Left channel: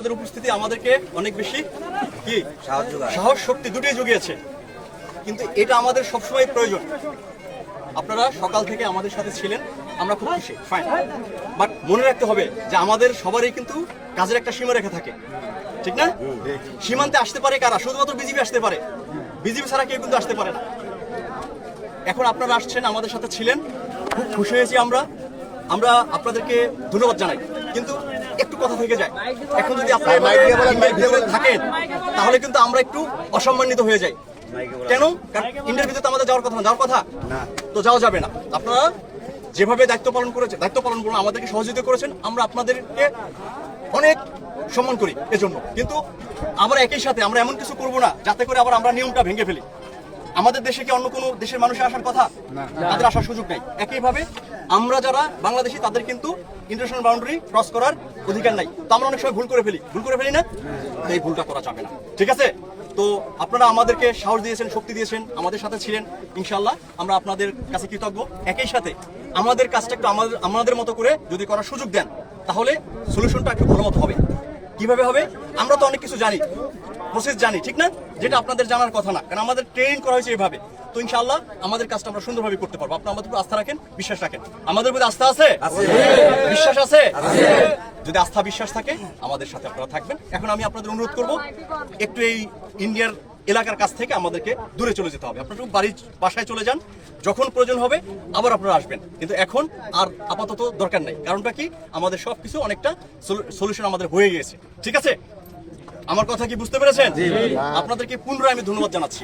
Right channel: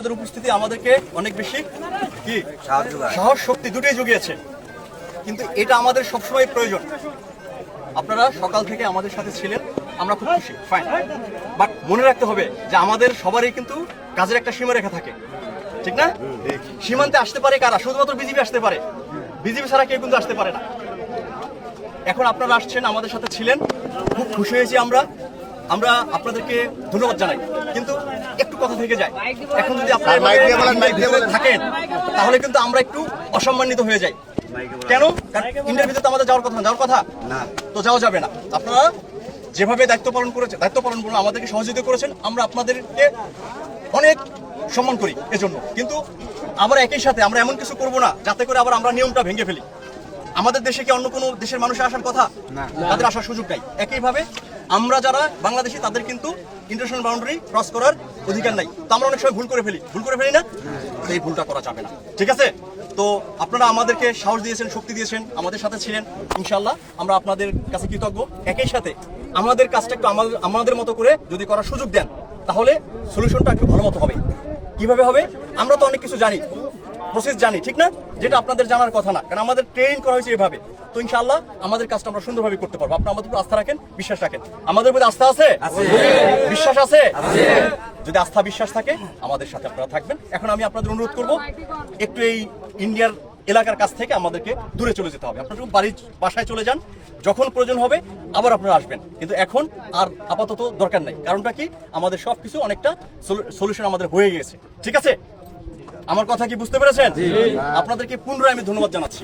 তাদের উপস্থিতি আমাদেরকে অনেক বেশি কি সাহস শক্তি দুটোই জুগিয়েছে, কিন্তু এটা আমাদের সবসময় প্রয়োজন। আপনারা সকাল থেকে আমাদের সাথে ছিলেন, আমরা খুব খুশি, ফাইন। বাট মনে রাখতে হবে যে আমাদের সবারই কিন্তু কাজের একটা সীমারেখা থাকে, ঠিক না? সীমান্তে আসতে পারে কারা? শুধুমাত্র বিজেপি আসতে পারে, বিজেপি ছাড়া কেউ কিন্তু আসতে পারে না। এখন আপনারা আসছেন, আমাদের সাথে ছিলেন, খুব খুশি হয়েছি আমরা আপনাদেরকে ধন্যবাদ জানাই। কিন্তু একটু কথা থেকে যায়, এখন যদি আপনারা থাকেন তাহলে কিন্তু আমরা একটু অসম্মানিত হয়ে যাই। কেন? কারণ ইন্ডিয়ার ভিতরে আমাদের যাওয়ার কথা না, তো যাওয়া যাবে না। আপনারা যেভাবে দায়িত্ব পালন করুন, আমাদেরকে সহযোগিতা করেছেন, আমরা আপনাদেরকে অনেক সম্মান করি এজন্য। কিন্তু আবার একই সাথে আমরা এমন কিছু করব না যাতে করে আবার আমরা নিয়মটা ভেঙে ফেলি। আমাদের দেশে কি অন্য কোনো দেশের মানুষের আসার কথা? তাদের আসার সুযোগ নাই। একইভাবে আমরা যারা বাংলাদেশি তাদের কিন্তু ইন্টারন্যাশনাল বাউন্ডারি ক্রস করার অধিকার নাই। তো আমরা অনেক সময় ভুল করে ফেলি না, এই ভুলটা করা যাবে না, ঠিক আছে? তো আপনারা আমাদেরকে সাহস দিয়েছেন, শক্তি দিয়েছেন, আমাদের সাথে ছিলেন, ইনশাআল্লাহ আমরা আপনাদের কাছে কৃতজ্ঞ। একই সাথে আমাদের কাজটা একটু আমাদের মতো করে যদি করার সুযোগ দেন তাহলে সলিউশনটা একটু ভালো মতো হবে। কিভাবে হবে? আমরা তো অনেক কিছু জানি, প্রসেস জানি, ঠিক না? যেটা আপনাদের জানার কথা না, কারণ আমাদের ট্রেনিং করা হয়েছে এভাবে। তো ইনশাআল্লাহ আমাদের কাজটা আমরা সুন্দরভাবে করতে পারবো। আপনারা আমাদের উপর আস্থা রাখেন, বিশ্বাস রাখেন। আমাদের উপর আস্থা আছে, বিশ্বাস আছে। যদি আস্থা বিশ্বাস থাকে আমাদের সাথে আপনারা থাকবেন। এখন আমি আপনাদের অনুরোধ করব, একটু এই ইন্ডিয়ার এলাকার কাছ থেকে আমাদেরকে দূরে চলে যেতে হবে। আপনারা বাসায় চলে যান, যখন প্রয়োজন হবে আবার আপনারা আসবেন, কিন্তু এখন আর আপাতত দরকার নেই। কারণটা কি? আমাদের সবকিছু অনেকটা সলিউশন আমাদের হয়ে গিয়েছে, ঠিক আছে? আমার কথা কি বুঝতে পেরেছেন? আপনাদেরকে পুনরায় আমি ধন্যবাদ জানাচ্ছি।